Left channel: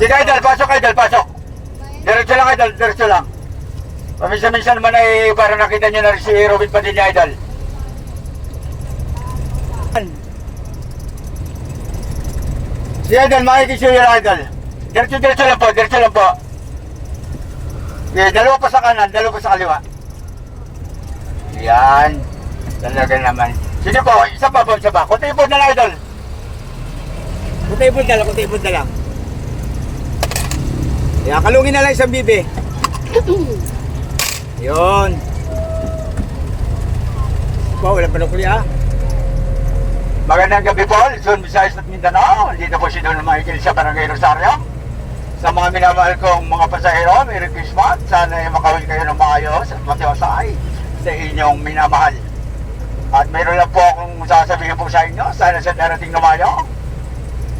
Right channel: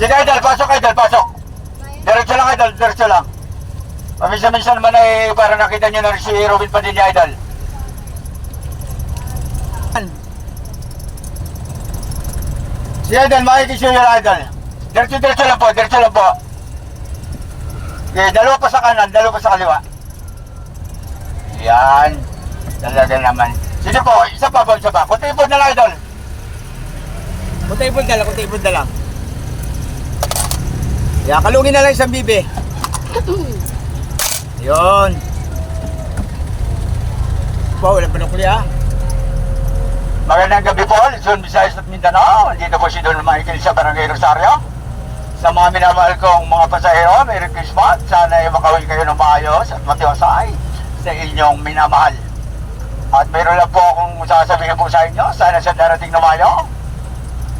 Sige idol, pasok idol, pasok. Diretso lang idol, diretso lang. Paminsan-minsan naman ay para nakita nyo na si Robin Padilla idol. Si idol, makikisuyo lang idol. Diretso, diretso lang po, diretso lang po. Okay, dalawa pa sa kanan, dalawa pa sa kaliwa. Yan. Talaga naman. Sige po, isa pa po, isa pa. Kunti po na lang idol. Kunti punta lang, kunti punta lang. Kaya kalungin na lang isang bibi. Yun. Pa, wala pa na kuli ah. Magandang gabi po, Luzon, Visayas at Mindanao. Dito po si Don Michael sa Barangay Rosario. Sa mga minamahal kong mga pasahero, Merry Christmas. Sana ay makawin kayo ng maayos at matiyosay sa inyong minamahal. At meron lang po akong sasabihin po sa inyo, sana sa darating na Mayo,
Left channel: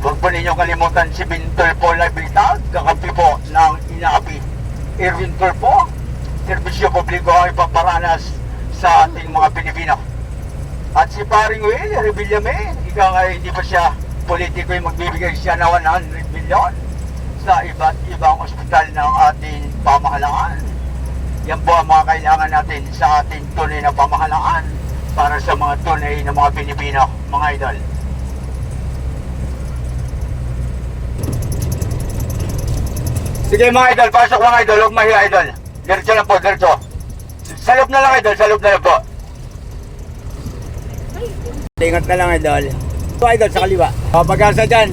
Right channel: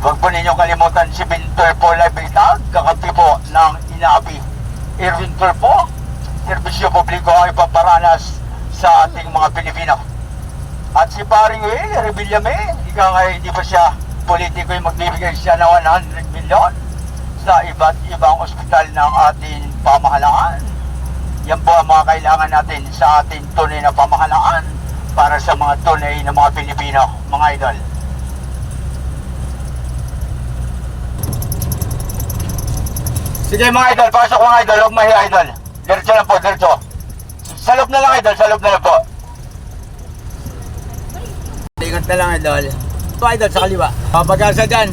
huwag po ninyong kalimutan si Bintor po Labitag, kakampi po ng Inabi. Irwin po, serbisyo publiko ay paparanas sa ating mga Pilipino. At si Paring Will, Revillame, ika nga hindi ba siya politiko yung magbibigay siya na 100 million sa iba't ibang ospital ng ating pamahalaan. Yan po ang mga kailangan natin sa ating tunay na pamahalaan para sa mga tunay na mga Pilipino, mga idol. Sige mga idol, pasok mga idol, huwag mahiya idol. Diretso lang po, diretso. Sa loob na lang idol, sa loob na lang po. Ingat na lang idol. Ito idol sa kaliwa. O, dyan.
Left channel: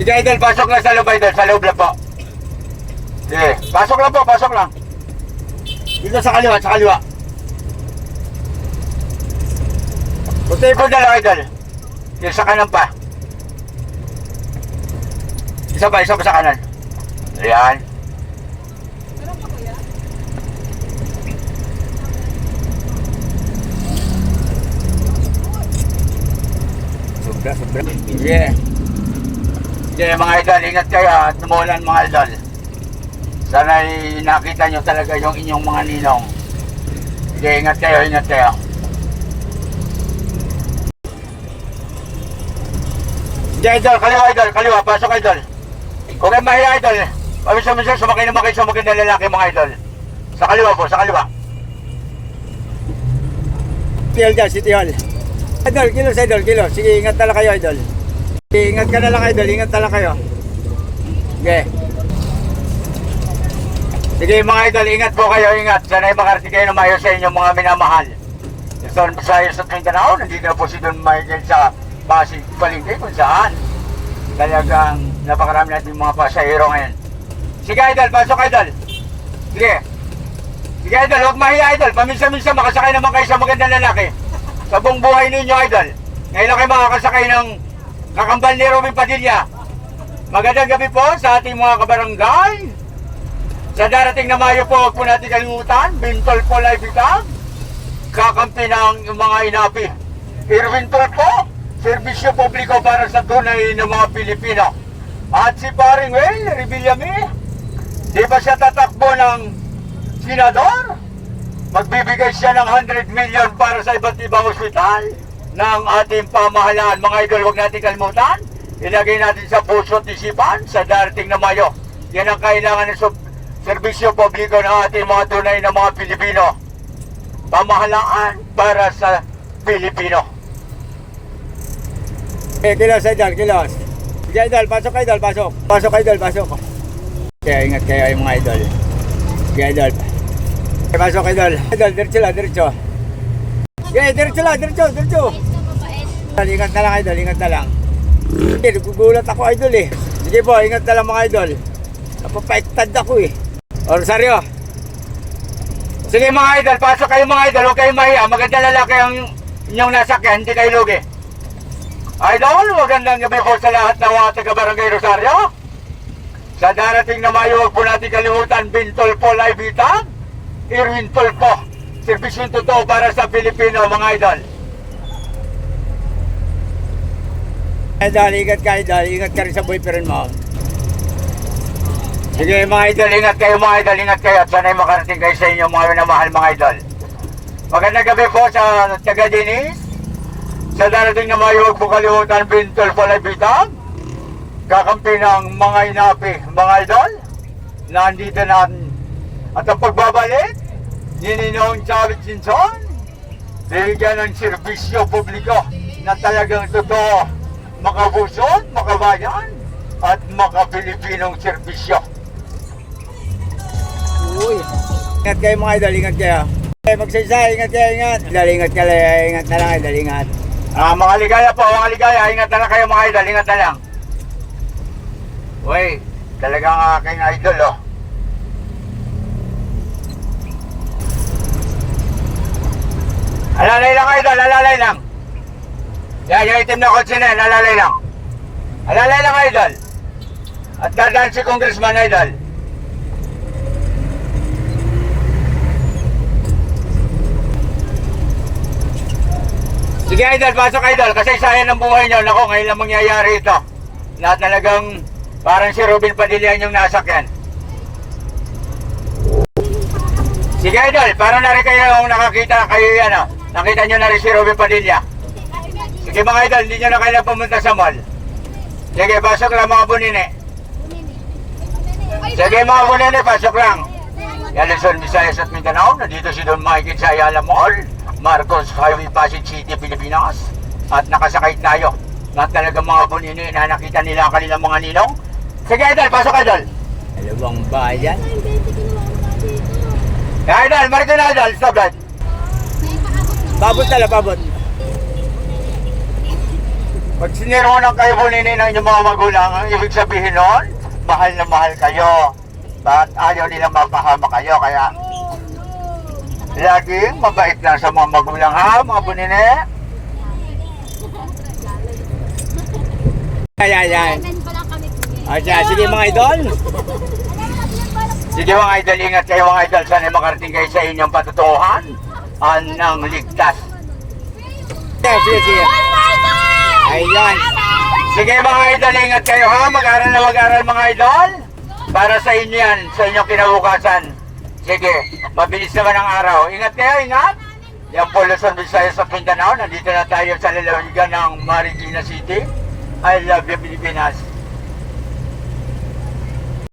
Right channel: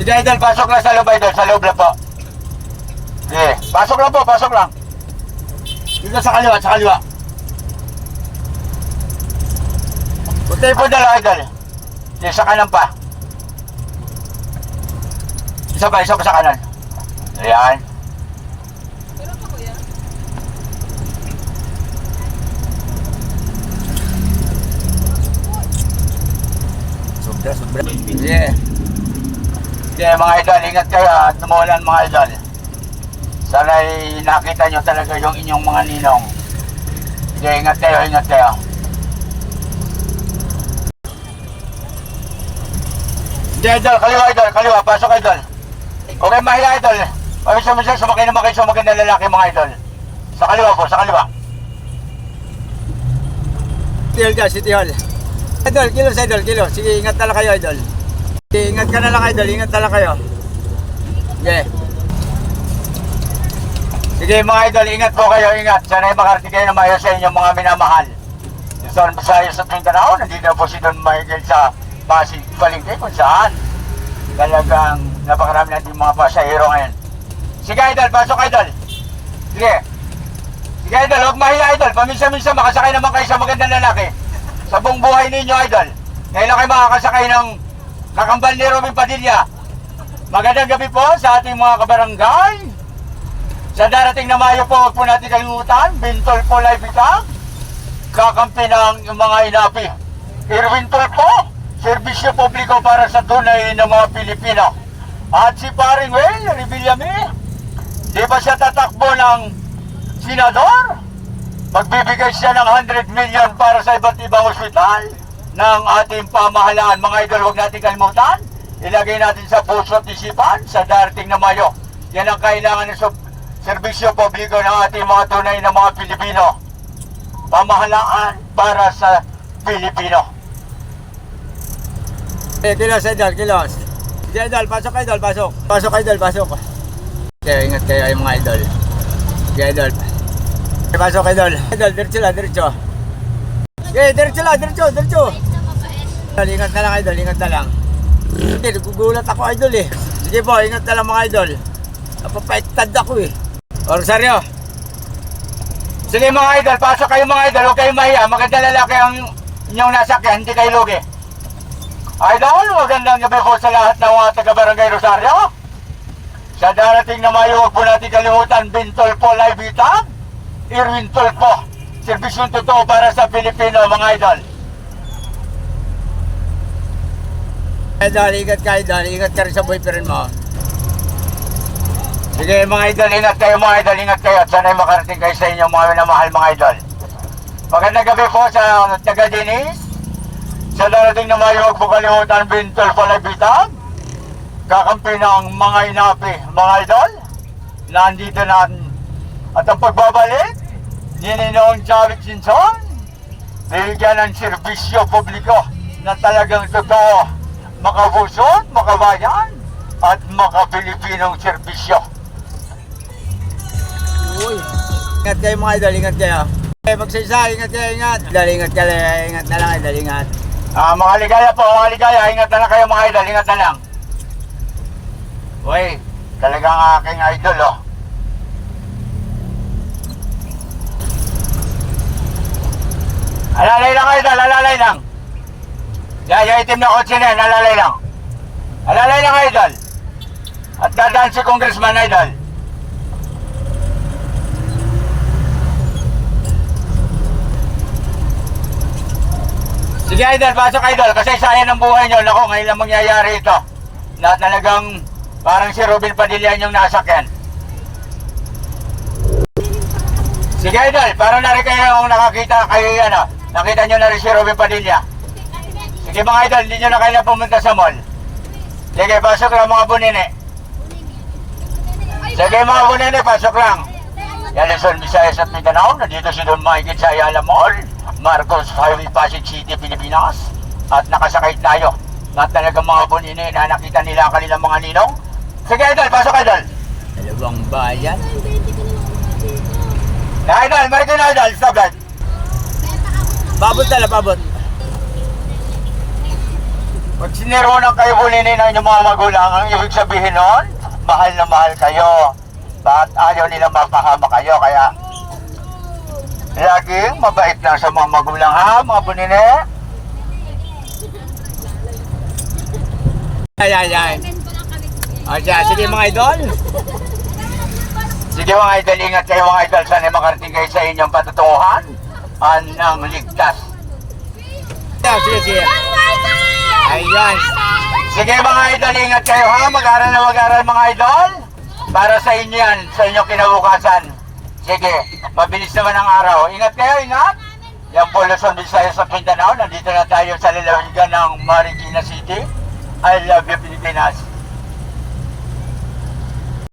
Sige idol, pasok lang sa loob idol, sa loob lang po. Sige, pasok lang po, pasok lang. Dito sa kaliwa, sa kaliwa. Punta po na lang idol. Sige, sa kanan pa. Isa pa, isa pa sa kanan. Ayan. Sobra, sobra. Yeah. Sige mga idol, ingat kayo at tumulan mga idol. Sana nakita nyo talaga yung inyong mga ninong. Sige, ingat kayo, ingat kayo. Sige idol, kaliwa idol, kaliwa, pasok idol. Kayong mahiya idol. Pamisa-misa, sumakay naman kayo sa magandang lalaki mga idol. Sa kaliwa po, sa kaliwa. Hall dyan, City Hall. Idol, kilos idol, kilos. Sige, ingat na lang kayo idol. Sige, ingat ka na lang idol, ingat na lang kayo. Sige. Sige mga idol, ingat po kayo, ingat. Sana ay makarating kayo na maayos sa inyong mga minamahal. Luzon, Visayas at Mindanao, nandito po si Don Michael sa Pasig Palengke kung saan. Talagang napakarami natin mga pasahero ngayon. Sige idol, pasok idol. Sige. Sige idol, huwag mahiya idol. Paminsan-minsan makasakay naman kayo sa magandang lalaki. Sa buong buhay ninyo idol. Ngayon lang kayo makakasakay ng kakambal ni Robin Padilla. Magandang gabi po sa ating mga kabarangay. Sa darating na Mayo po, huwag po natin kalimutan, Bintol po live itag, kakampi ng mga inapi. Irwin po, serbisyo publiko para sa tunay ng mga Pilipino. At si Paring Well, Revillame, di ba siya tatakbo ng senador? Magbibigay siya ng 100 million para sa iba't ibang ospital ng ating pamahalaan. Mga idol, huwag natin kalimutan. Ilagay natin sa puso at isipan sa darating na Mayo. Yan ang kailangan ng serbisyo publiko ng ating mga tunay na mga Pilipino. Pamahalaan para sa Pilipino. Eh, kilos idol, kilos. Sige idol, pasok idol, pasok. Pasok idol, pasok. Kaya ingat kayo yung mga idol. Sige idol. Eh, pasok idol. Idol, diretso lang, diretso. Sige, diretso lang, diretso, diretso. Idol, ingat na lang idol, ingat na lang. Hindi, nagugulat ako idol eh. Sige po, ingat na lang mga idol. Napapaiktad ako eh. O, Rosario. Sige mga idol, pasok kayo mga idol, huwag kayong mahiya. Magandang lalaki ang inyong nasakyan, hindi kayo lugi. Idol, magandang gabi po sa lahat ng mga taga-barangay Rosario. Sa darating na Mayo, huwag po natin kalimutan, Bintol po live itag, Irwin po. Serbisyong totoo para sa Pilipino, mga idol. Idol, ingat ka idol. Ingat ka rin sa boyfriend mo. Sige mga idol, ingat kayo mga idol, ingat kayo at sana'y makarating kayo sa inyong mga minamahal mga idol. Magandang gabi po sa taga Dinis. Sa darating na Mayo, huwag po kalimutan, Bintol itag, kakampi ng mga inapi, mga idol. Nandito na at ang pagbabalik ni Ninong Chavit Jinson, bibigyan ng serbisyo publiko na talagang totoo, makabusot, makabayan, at makapilipinong serbisyo. Uy. Ingat kayo mga idol, ingat kayo. Eh, magsaysay, ingat kayo, ingat. Idol, ingat kayo, ingat na lang idol, ingat. Ah, mga ligaya po, mga ligaya, ingat na lang kayo mga idol, ingat na lang. Uy, talagang aking idol oh. Alalay lang idol, alalay lang. Yan, yung itim na kotse na yan, alalay lang. Alalay lang idol. At dadaan si congressman idol. Sige idol, pasok idol, kasi sayang ng buhay nyo. Naku, ngayon lang mangyayari ito. Na talagang parang si Ruben Padilla yung nasakyan. Sige idol, para na rin kayo yung nakakita kayo yan ah. Nakita nyo na rin si Ruben Padilla. Sige mga idol, hindi nyo na kayo pumunta sa mall. Sige, pasok lang mga bunine. Sige mga bunine, pasok lang. Yan Luzon, Visayas at Mindanao. Nandito si Don Mikey sa Ayala Mall. Marcos Highway, Pasig City, Pilipinas. At nakasakay tayo na talagang mga bunine na nakita nila ang kanilang mga ninong. Sige idol, pasok idol. Dalawang bayan. Ya, idol, marikin na idol, stop that. Babot tala, babot. Pag sinirunan kayo bunine ng inyong mga magulang, ang ibig sabihin noon, mahal na mahal kayo. Bakit ayaw nilang mapahama kayo, kaya laging mabait lang sa mga magulang ha, mga bunine. Ayan, ayan. O siya, sige mga idol. Sige mga idol, ingat kayo mga idol. Sana makarating kayo sa inyong patutuhan ng ligtas. Ayan, sige, sige. Ayan. Sige mga idol, ingat kayo ha. Mag-aral na mag-aral mga idol. Para sa inyo yan, sa inyong kinabukasan. Sige, mabilis naman ang araw. Ingat kayo, ingat. Yan po Luzon, Visayas at Mindanao. Nandito na tayo sa lalawigan ng Marikina City. I love you, Pilipinas.